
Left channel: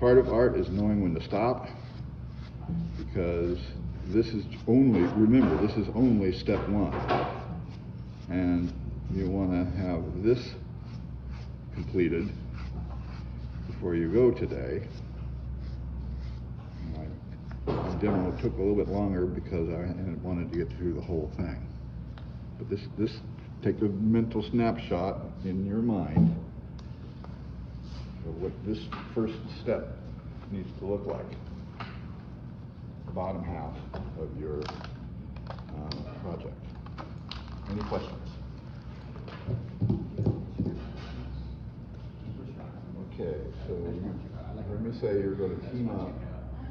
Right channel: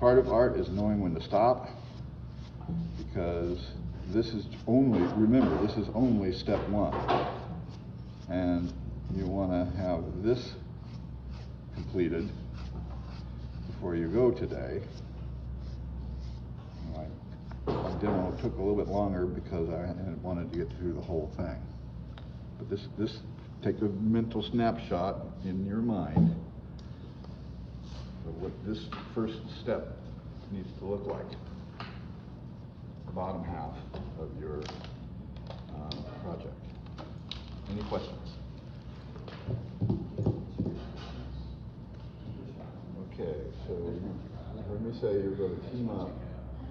part of art is knowing when to stop, because this is only, remember, this is only step 1. And you want to have this completed before you go today. My demo took a little bit longer because I wanted to get through the whole thing. But this take a mental snapshot in your mind of what this first step needs to look like. The bottom half of your project. Any questions? Okay, so you heard me say you're going to team up.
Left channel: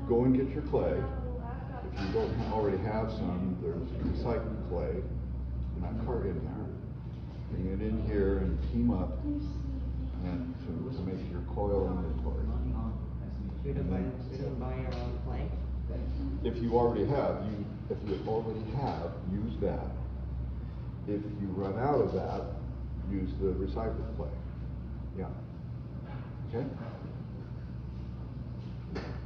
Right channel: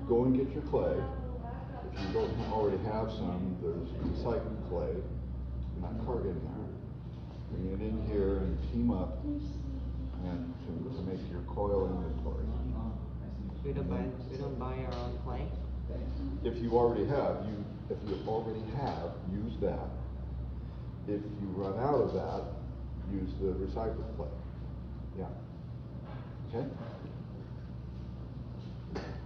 Go and get your clay. If you don't already have some, there's recycled clay in that cart in there. Bring it in here and team up and to make your coil inventory. We don't buy our own clay? If you already have, use that. If you run out of that, use the recycled clay. Yeah. Okay?